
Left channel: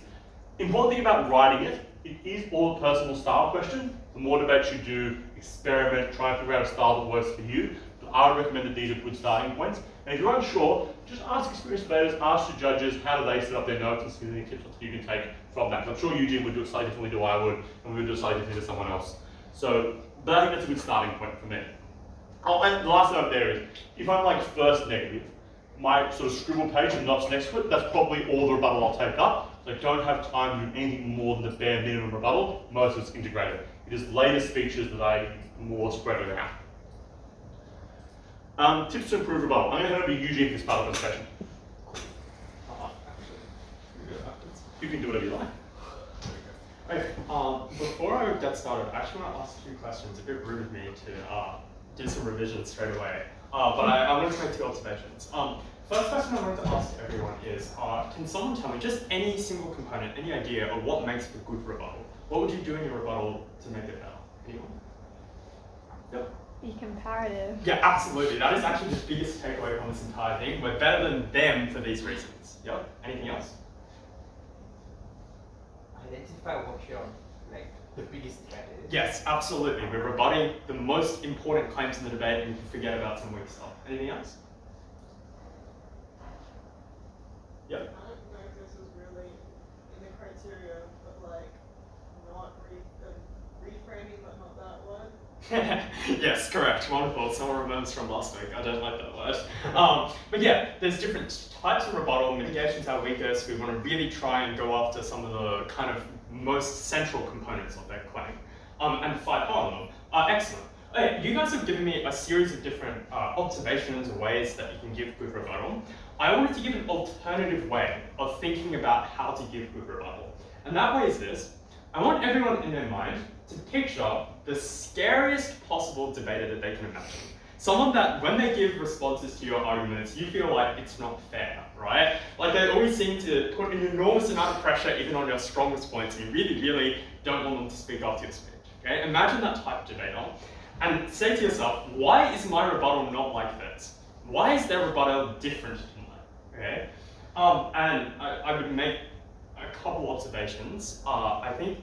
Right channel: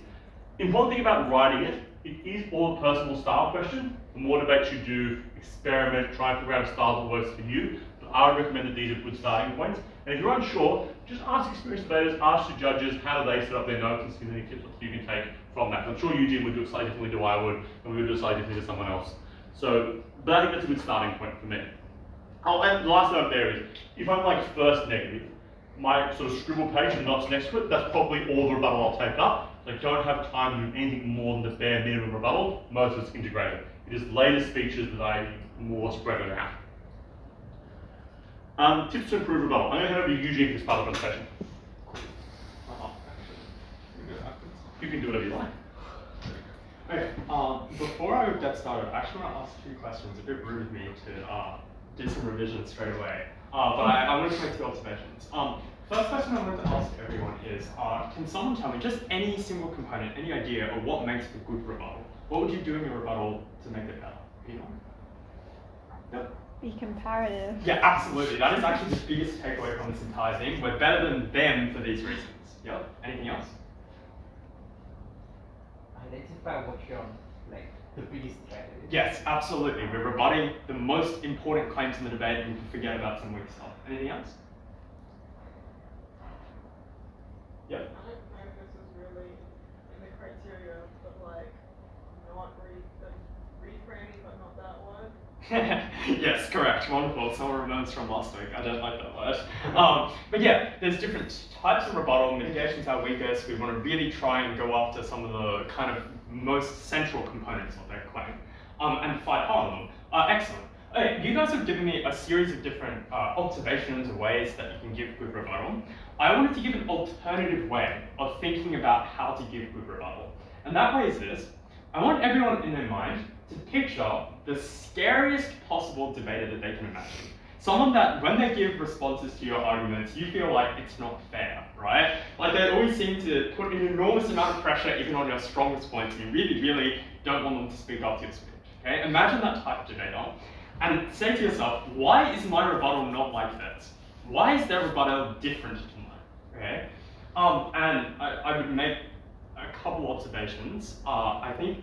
Important thing about writing it is all a personal style question. The more debates you do, experiment, try and figure out a style that works for you. But I would recommend that these are good starting points. And if you're unsure, just ask experienced debaters, ask the judges, how do they set up their notes, and see any tips that you can take from that. I'm sure Eugene would do it slightly differently to I would, and we would do it slightly differently to someone else. So, but I think that's a good starting point for me. Oh, and the last note there is, if I'm like first negative, my sort of scribble page and notes next to it, that's probably all the rebuttal I'll take up. So I don't have time to do anything more than the bare minimum rebuttal. Most of it's integrated. It is later speeches that I more spread it Tips to improve rebuttal. I'm going to hand over to Eugene for this part of the presentation. You can do whatever you like. Okay, before I get started, I actually want to ask a few questions. A bit rude of me to do some revisions straight away, but I want to make 2 observations. First question I wanted to ask everyone is, can someone tell me just any single component, any idea of what makes a good rebuttal? What would you do in your rebuttal to make it better? Anyone? Yep. Be comparative. Yeah, absolutely. That is actually the biggest takeaway from this entire thing. We're better than them for these reasons. Yep. Anything else? Identify what your the biggest threat is. Yes, absolutely. We're rebutting the most important claims in the debate, and we can forget about some weak stuff. Anything else? Yep. I don't know if this is really in the criteria, but not reframing, but not that word. Yes, correct. Wonderful. Someone remembers from last week. I don't like that word. But yeah, there's different types of rebuttal. Mitigation's our weakest. We want to really try and go after some of the kind of most central components of that claim and fight hard on them. Excellent. Okay, you guys have given me a series of different observations or ways that you can give good rebuttal. I wanted to give an alternative way of thinking about how to give good rebuttal. And that way is this. I want everyone in their mind to picture the scariest possible debater that they can imagine. Someone that, when they give responses to your arguments, you feel like it's not fair, right? Like they always seem to put an enormous amount of pressure even on your strongest points, and you really, really don't want them to speak after your speech, okay? Imagine that type of debater, and say to yourself, why is my rebuttal not like this? Why is their rebuttal different to mine, okay? And I would make a couple observations. I think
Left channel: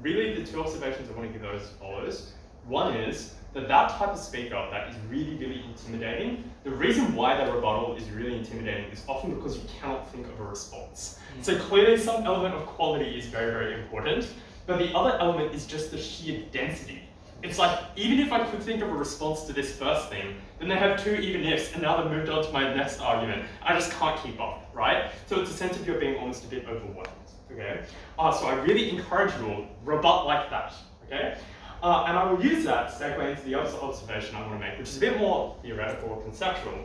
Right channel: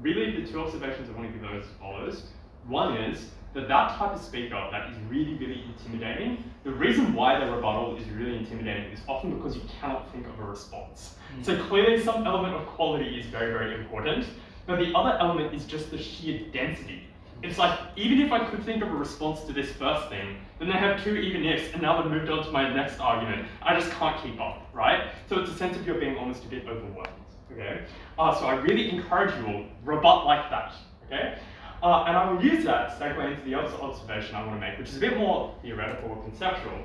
really the 2 observations I want to give those as follows. One is that type of speaker that is really, really intimidating, the reason why their rebuttal is really intimidating is often because you cannot think of a response. So clearly some element of quality is very, very important, but the other element is just the sheer density. It's like, even if I could think of a response to this first thing, then they have 2 even ifs, and now they've moved on to my next argument. I just can't keep up, right? So it's a sense of you're being almost a bit overwhelmed, okay? So I really encourage you all, rebut like that, okay? And I will use that to segue into the other observation I want to make, which is a bit more theoretical or conceptual.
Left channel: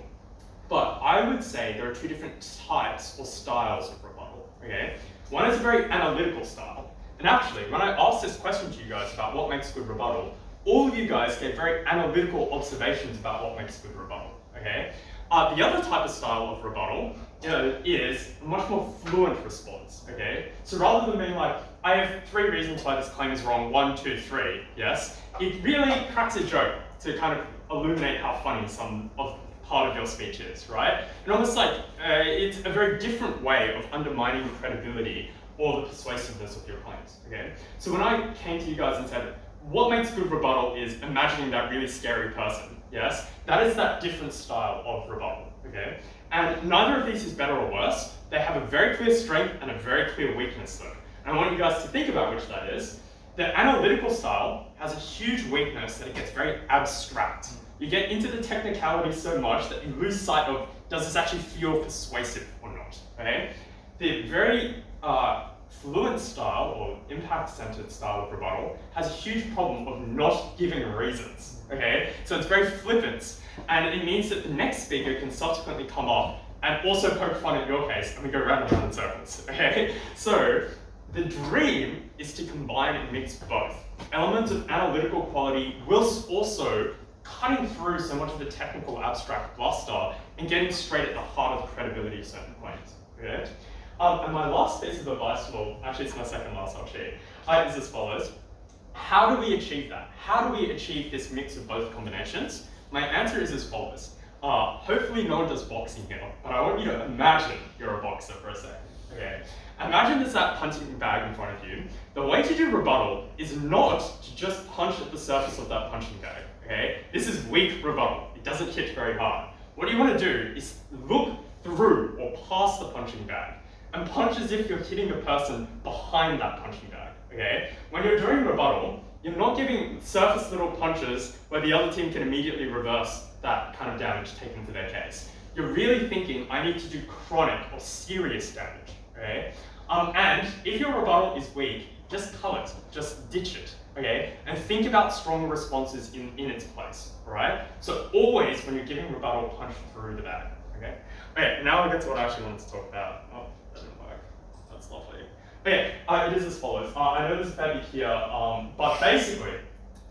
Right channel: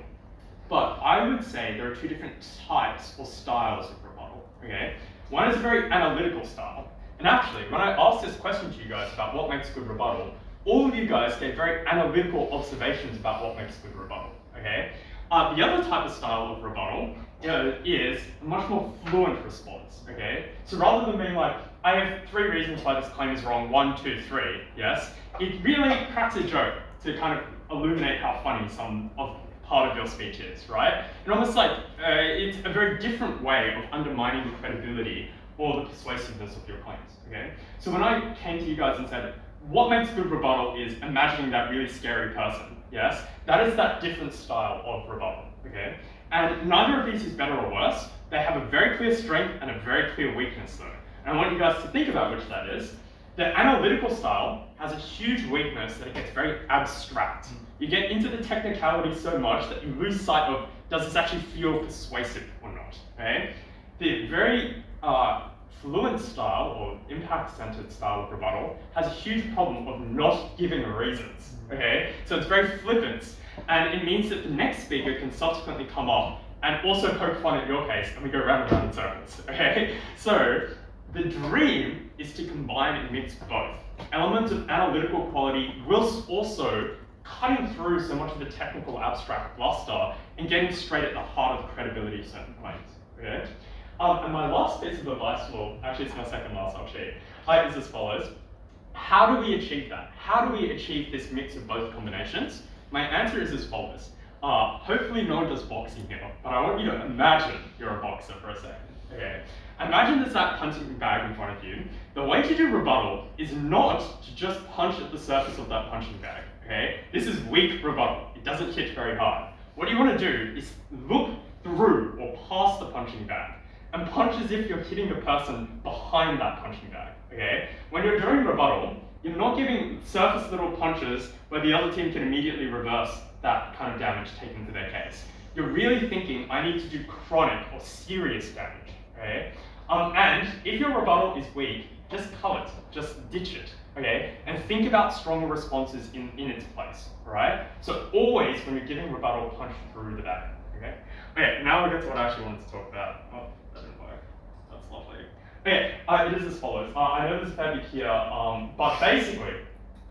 But I would say there are 2 different types or styles of rebuttal, okay? One is a very analytical style. And actually, when I asked this question to you guys about what makes good rebuttal, all of you guys gave very analytical observations about what makes good rebuttal, okay? The other type of style of rebuttal is a much more fluent response, okay? So rather than being like, I have 3 reasons why this claim is wrong, 1, 2, 3, yes? It really cracks a joke to kind of illuminate how funny some of part of your speech is, right? And almost like, it's a very different way of undermining the credibility or the persuasiveness of your claims, okay? So when I came to you guys and said, what makes good rebuttal is imagining that really scary person, yes? That is that different style of rebuttal, okay? And neither of these is better or worse. They have a very clear strength and a very clear weakness though. And I want you guys to think about which that is. The analytical style has a huge weakness that it gets very abstract. You get into the technicality so much that you lose sight of, does this actually feel persuasive or not, okay? The very fluent style or impact-centered style of rebuttal has a huge problem of not giving reasons, okay? So it's very flippant, and it means that the next speaker can subsequently come up and also poke fun at your case, and we go round and round in circles, okay? So the dream is to combine and mix both. Elements of analytical quality whilst also cutting through so much of the technical abstract bluster and getting straight at the heart of the credibility of certain claims, okay? And my last piece of advice, well, actually it's my second last sheet, is as follows. How do we achieve that? How do we achieve this mix of both combinations? My answer is as follows. Hopefully no one does boxing here, but I want you to imagine you're a boxer for a second, okay? Imagine there's that punching bag in front of you. The way to do rebuttal is not to just punch at the surface of that punching bag, okay? This is weak rebuttal. It doesn't hit very hard. What you want to do is look through or past the punching bag and punch as if you're hitting a person behind that punching bag, okay? When you're doing rebuttal, you're not giving surface little punches where the other team can immediately reverse that kind of damage taken to their case. You're really thinking, I need to do chronic or serious damage, okay? And if your rebuttal is weak, just cull it, just ditch it, okay? And think about stronger responses in its place, right? So always, when you're giving rebuttal, punch through the bag, okay? Okay, now we get to what I actually wanted to talk about. Oh, that didn't work. That's lovely. Okay, it is as follows. I know there's a fair bit here, but basically,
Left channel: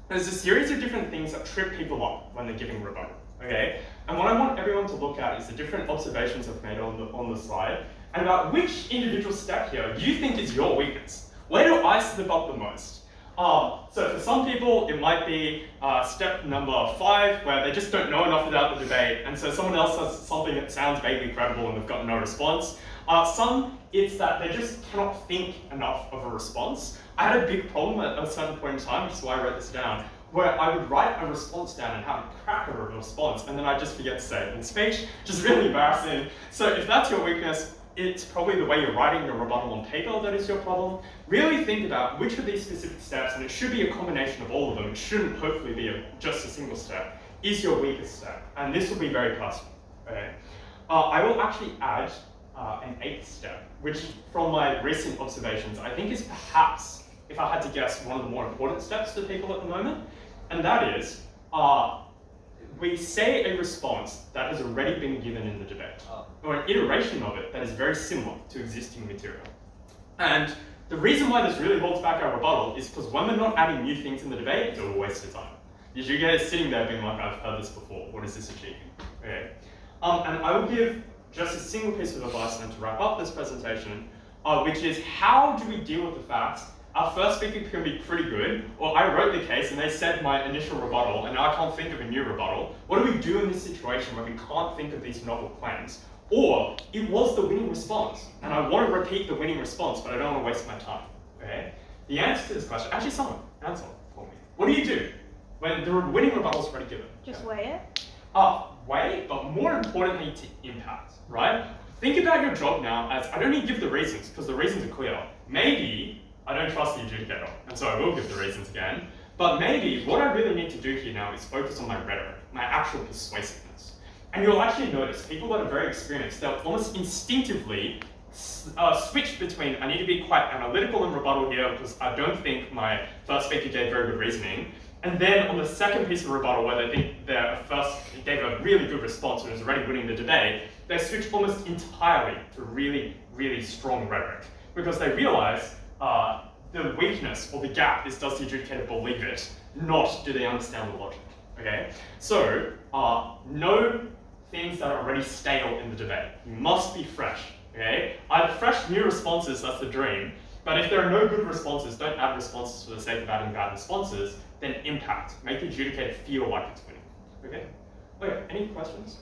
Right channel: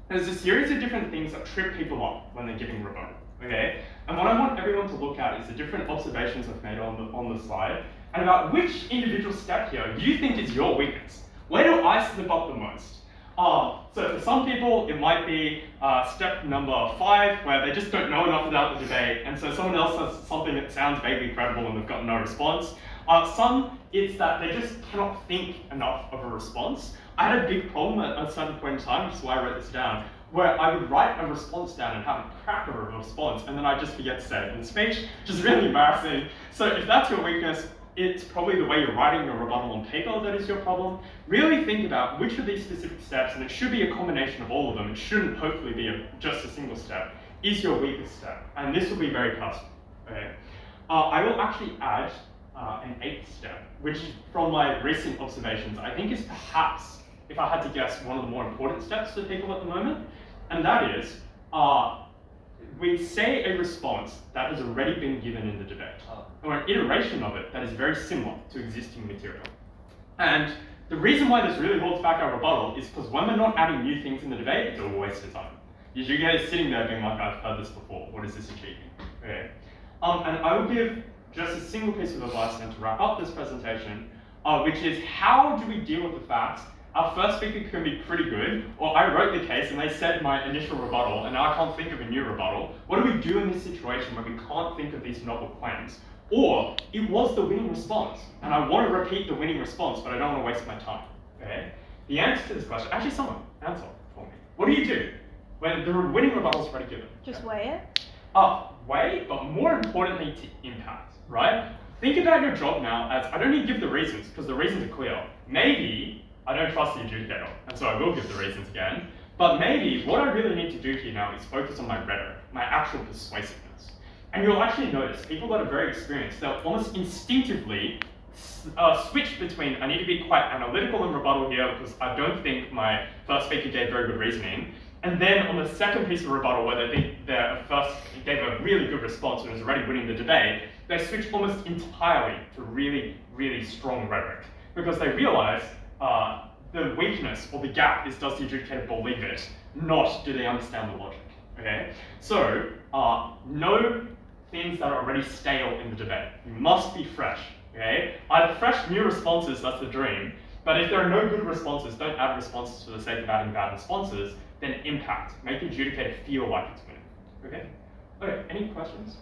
there's a series of different things that trip people up when they're giving rebuttal, okay? And what I want everyone to look at is the different observations I've made on the slide, and about which individual step here you think is your weakness. Where do I slip up the most? So for some people, it might be step number 5, where they just don't know enough about the debate, and so someone else has something that sounds vaguely credible and they've got no response. Some, it's that they just cannot think enough of a response. I had a big problem at a certain point in time, which is why I wrote this down, where I would write a response down and have a cracker of a response, and then I'd just forget to say it in speech, which is really embarrassing. So if that's your weakness, it's probably the way you're writing your rebuttal on paper that is your problem. Really think about which of these specific steps, and it should be a combination of all of them, it shouldn't hopefully be just a single step, is your weakest step. And this will be very personal, okay? I will actually add an 8th step, which from my recent observations, I think is perhaps, if I had to guess, one of the more important steps to people at the moment. And that is, we say a response that has already been given in the debate, or an iteration of it that is very similar to existing material. And the reason why this really holds back our rebuttal is because when we're not adding new things in the debate, it's a waste of time. You guys sitting there being like, I've heard this before, what is this achieving? Okay. And I will give just a single piece of advice then to wrap up this presentation, which is how do we deal with the fact our first speaker can be pretty good, or I wrote the case and they said my initial rebuttal and now I can't think of a new rebuttal. What do we do in this situation where we can't think of these novel claims? Or it was the winning response and I want to repeat the winning response, but I don't want to waste my time, okay? The answer to this question, actually someone answer for me. What do you do when the winning rebuttal is already given? Just weigh it? Weigh, but more importantly to impact, right? Think about your job now as, I don't need to give the reasons because the reasons are clear. Maybe I don't trust the adjudicator, and so I will give the reasons again. But maybe what I really need to do here now is focus on my rhetoric, my actual persuasiveness. And you'll actually notice people that are very experienced, they'll almost instinctively switch between, I need to be quite analytical in rebuttal here because I don't think my first speaker gave very good reasoning. And then on the second piece of rebuttal, where they think their first gave a really good response and is already winning the debate, they switch almost entirely to really, really strong rhetoric because they realize the weakness or the gap is, does the adjudicator believe it, not do they understand the logic, okay? So, no things that are already stale in the debate. You must be fresh, okay? Either fresh new responses, that's the dream, but if there are no good responses, don't add responses for the sake of adding bad responses, then impact. Make the adjudicator feel like it's winning, okay? Okay, any questions?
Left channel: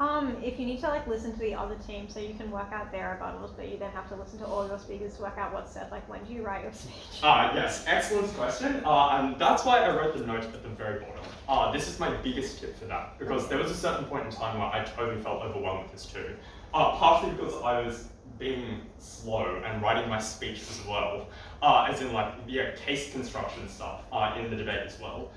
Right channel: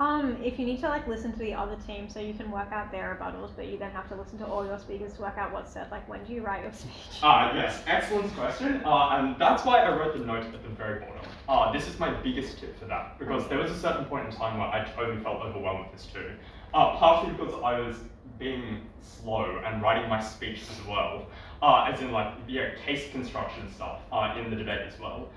If you need to listen to the other team so you can work out their rebuttals, but you then have to listen to all your speakers to work out what's said, when do you write your speech? Yes, excellent question. And that's why I wrote the note at the very bottom. This is my biggest tip for that, because there was a certain point in time where I totally felt overwhelmed with this too. Partially because I was being slow and writing my speech as well, as in case construction stuff in the debate as well.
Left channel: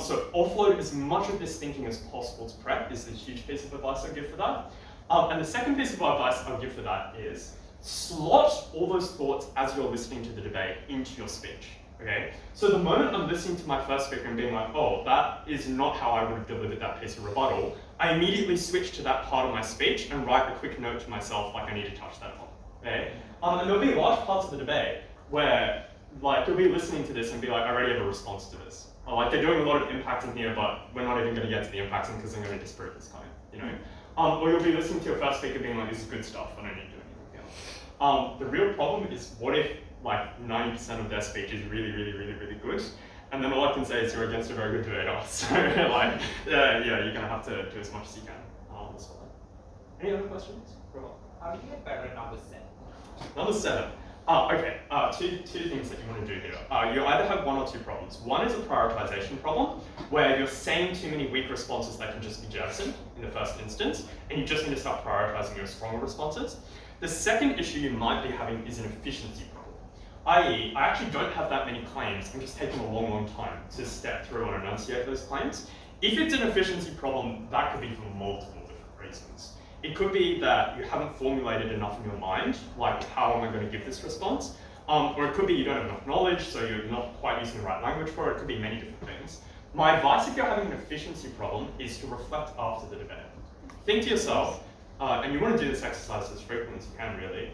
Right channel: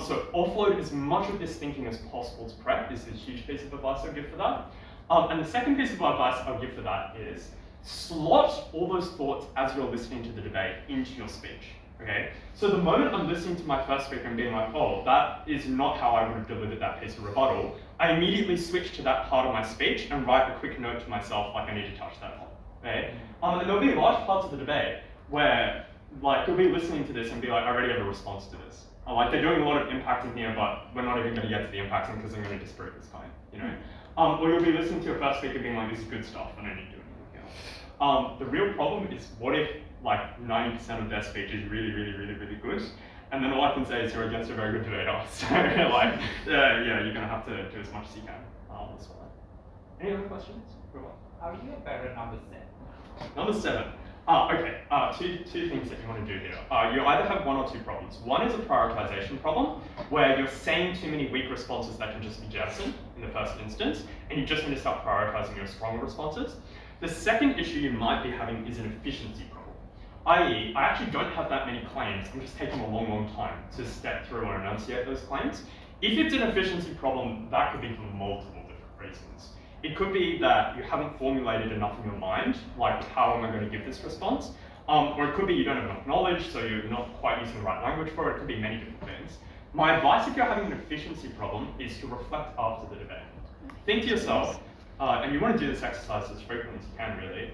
So offload as much of this thinking as possible to prep is a huge piece of advice I give for that. And the second piece of advice I'll give for that is slot all those thoughts as you're listening to the debate into your speech, okay? So the moment I'm listening to my first speaker and being like, oh, that is not how I would have delivered that piece of rebuttal, I immediately switch to that part of my speech and write a quick note to myself I need to touch that on, okay? And there'll be large parts of the debate where you'll be listening to this and be like, I already have a response to this. They're doing a lot of impacting here, but we're not even going to get to the impacting because they're going to disprove this claim, you know? Or you'll be listening to your first speaker being like, this is good stuff, I don't need to do anything else. The real problem is, what if 90% of their speech is really, really, really, really good? And then all I can say is you're against a very good debater. So yeah, you're going to have to do as much as you can on this one. Any other questions? How do you get better at number 7? Number 7. Okay, two things that you want to do here. You either have one or two problems. One is a prioritization problem, where you're saying too many weak responses that can just be jettisoned in the first instance, and you just need to start prioritizing your stronger responses. The second issue you might be having is an efficiency problem, i.e., I actually don't have that many claims, I'm just taking a long, long time to step through and enunciate those claims. If it's an efficiency problem, that could be for multiple different reasons. It could be that you haven't formulated enough in your mind, like how am I going to give this response? Or it could be you don't have enough knowledge, so you're not quite using the right language for it. It could be many different things. My advice if you're having an efficiency problem is to reflect after the debate. Think to yourself, and you want to do this exercise as frequently as you can really,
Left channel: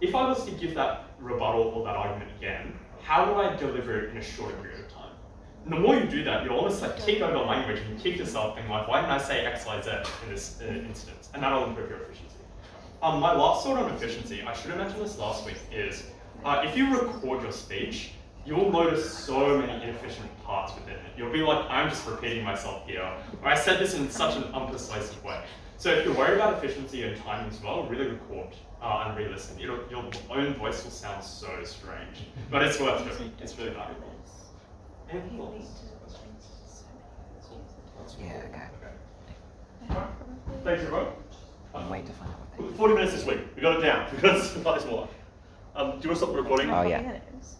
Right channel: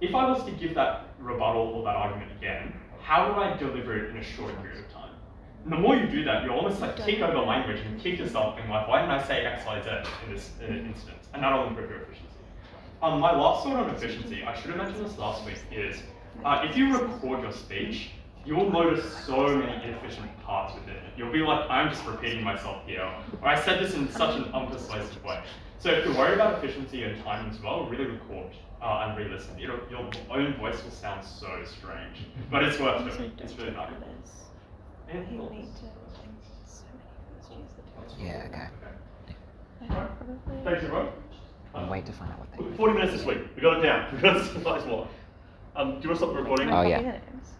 if I was to give that rebuttal or that argument again, how would I deliver it in a shorter period of time? And the more you do that, you almost like kick over language and kick yourself being like, why didn't I say X, Y, Z in this instance? And that'll improve your efficiency. My last thought on efficiency, I should have mentioned this last week, is if you record your speech, you'll notice so many inefficient parts within it. You'll be like, I'm just repeating myself here, or I said this in such an unpersuasive way. So if you're worried about efficiency and time as well, really record and re-listen. Your own voice will sound so strange, but it's worth it. It's really valuable. Any thoughts? Yeah, okay. Alright. Thanks everyone. I'll wait to find out what they 40 minutes this week. We got it down. We got it slightly smaller. Do you want to stop the recording? Oh, yeah. Minutes.